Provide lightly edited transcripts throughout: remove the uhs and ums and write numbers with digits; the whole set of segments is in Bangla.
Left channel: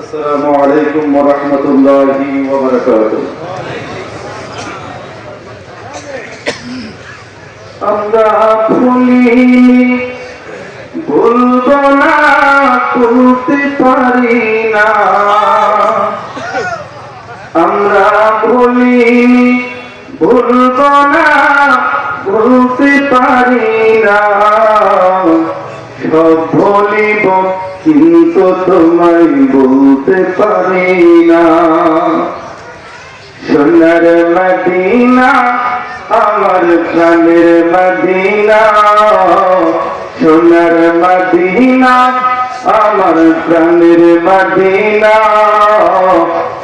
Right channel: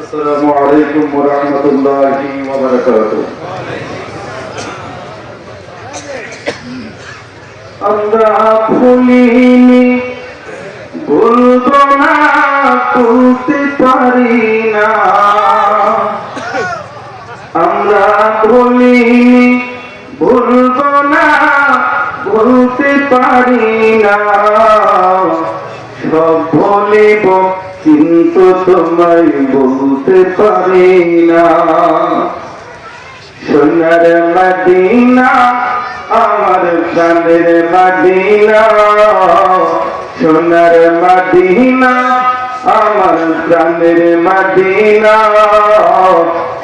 আসসালামু আলাইকুম ওয়া রাহমাতুল্লাহি ওয়া বারাকাতুহু। আমরা ভুলিনি, ভুলবো না, ভুলতে পারি না। আমরা ভুলিনি, ভুলবো না, ভুলতে পারি না। সব ভুলিব কিন্তু তোমায় বলতে পারি না। সোনার মদিনা আমার প্রাণের মদিনা, সোনার মদিনা আমার প্রাণের মদিনা।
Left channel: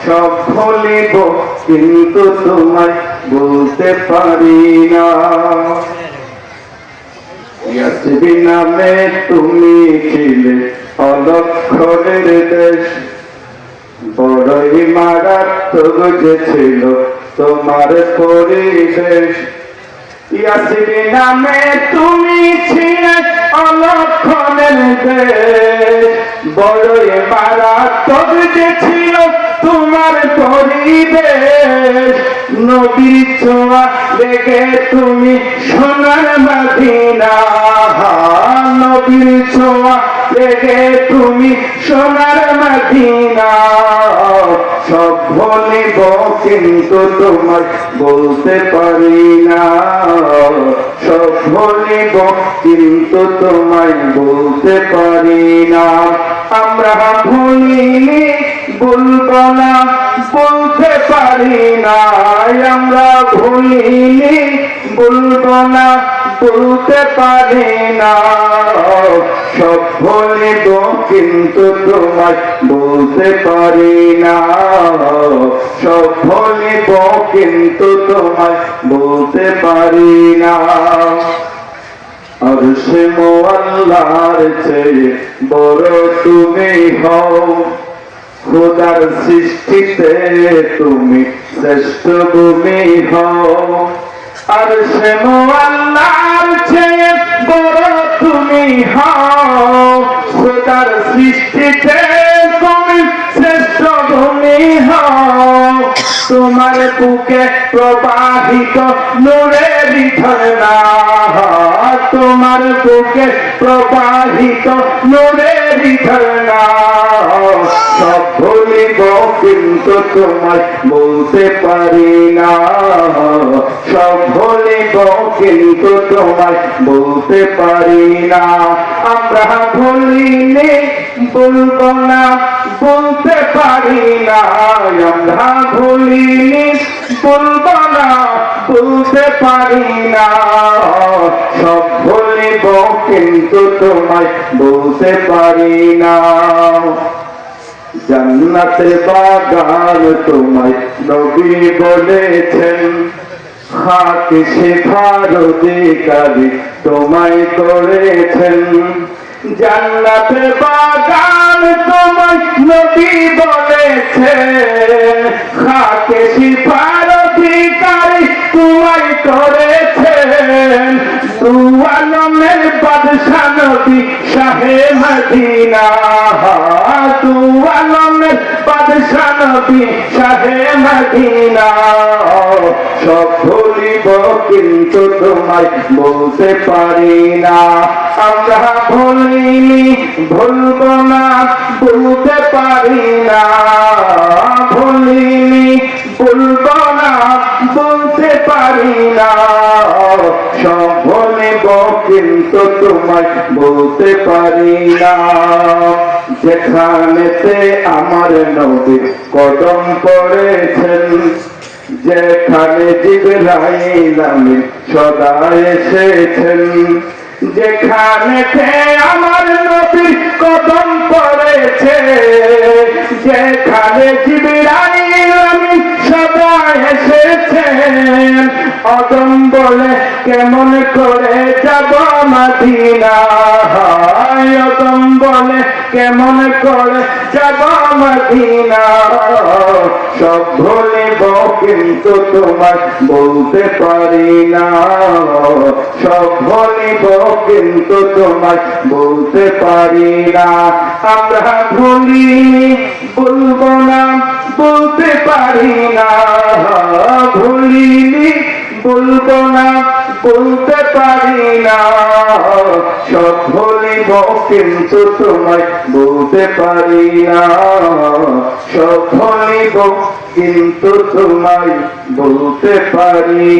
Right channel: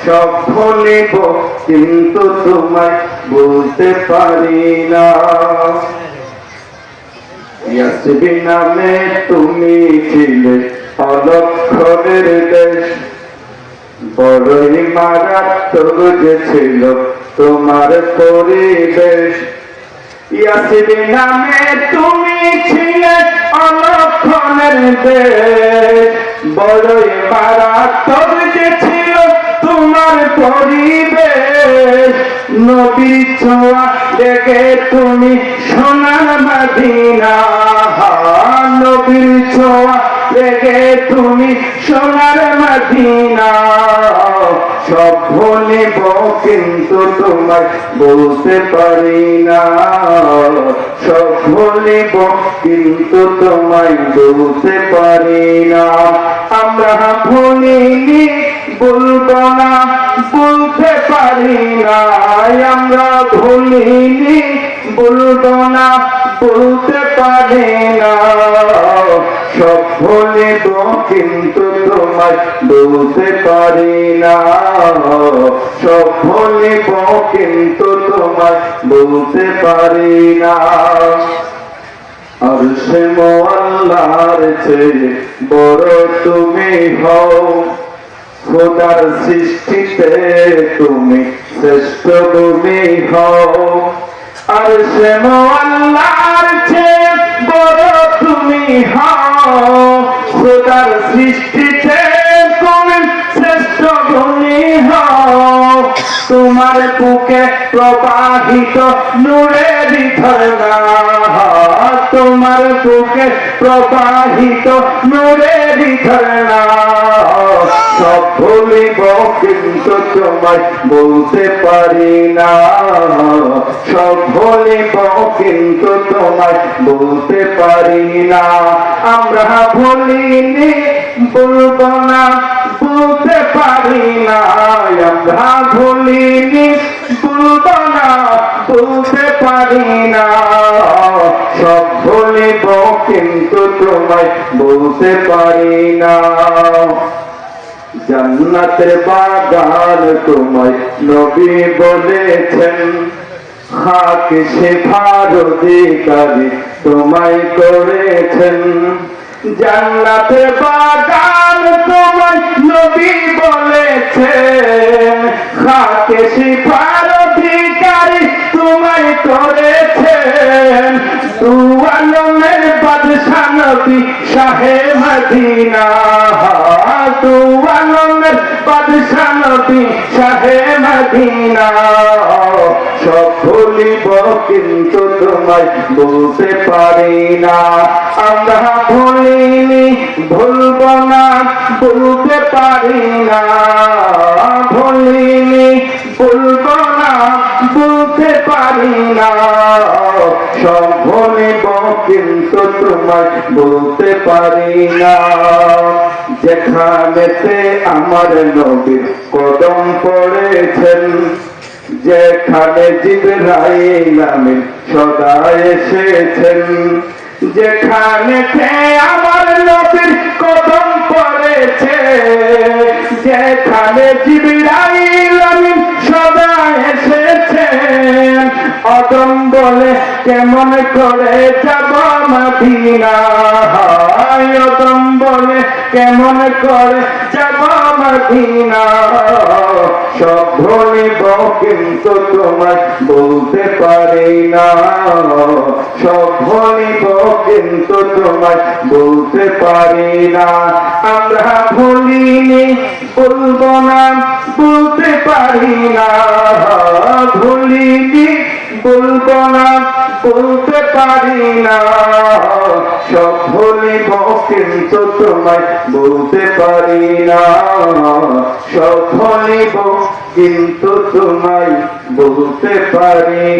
সব ভুলিব কিন্তু তোমায় বলতে পারি না। ইয়াসিন নামে তুমি ছিলে অলক্ষণের দেশ, বড়ই মারাত্মক যে ছিল তোমার পরিবেশ। ইয়াসিন নামে তুমি ছিলে অলক্ষণের দেশ, বড়ই মারাত্মক যে ছিল তোমার পরিবেশ। নবীর ছোঁয়া দেখে তুমি সোনার মদিনা, নবীর ছোঁয়া দেখে তুমি সোনার মদিনা। সব ভুলিব কিন্তু তোমায় বলতে পারি না। সব ভুলিব কিন্তু তোমায় বলতে পারি না। আমরা ভুলিনি, বলবো না, বলতে পারি না। আমরা ভুলিনি, বলবো না, বলতে পারি না। সব ভুলিব কিন্তু তোমায় বলতে পারি না। সব ভুলিব কিন্তু তোমায় বলতে পারি না। আরশে মোয়াল্লার চেয়ে বড় তুমি হও, খোদার সৃষ্টিতে তুমি শ্রেষ্ঠ তুমি হও। আরশে মোয়াল্লার চেয়ে বড় তুমি হও, খোদার সৃষ্টিতে তুমি শ্রেষ্ঠ তুমি হও। তোমার বুকে প্রবাহিত নূরের ঝর্ণা, তোমার বুকে প্রবাহিত নূরের ঝর্ণা। সব ভুলিব কিন্তু তোমায় বলতে পারি না। সব ভুলিব কিন্তু তোমায় বলতে পারি না। আমরা ভুলিনি, বলবো না, বলতে পারি না। আমরা ভুলিনি, বলবো না, বলতে পারি না। সব ভুলিব কিন্তু তোমায় বলতে পারি না। জান্নাতের বাগান তোমায় নবী বলেছেন, খাকে শেখার অধিকারী তোমায় করেছেন। জান্নাতের বাগান তোমায় নবী বলেছেন, খাকে শেখার অধিকারী তোমায় করেছেন। দু আলমের বাদশা নবী শাহে মদিনা, দু আলমের বাদশা নবী শাহে মদিনা। সব ভুলিব কিন্তু তোমায় বলতে পারি না। আমরা ভুলিনি, ভুলবো না, বলতে পারি না। ভুলিনি, বলবো না, বলতে পারি না। সব ভুলিব কিন্তু তোমায় বলতে পারি না। যেখানেতে আমার নবীর কদম পড়েছেন, যেখানে জিবরাইল আমিন সদা এসেছেন। যেখানেতে আমার নবীর কদম পড়েছে, যেখানে জিবরাইল আমিন সদা এসেছেন। অদম বলে কেমন করে যাব মদিনা, অদম বলে কেমন করে যাব মদিনা। সব ভুলিব কিন্তু তোমায় বলতে পারি না। সব ভুলিব কিন্তু তোমায় বলতে পারি না। আমরা ভুলিনি বলবো না, বলতে পারি না। ভুলিনি বলবো না, বলতে পারি না। সব ভুলিব কিন্তু তোমায় বলতে পারি না। সব ভুলিব কিন্তু তোমায় বলতে পারি।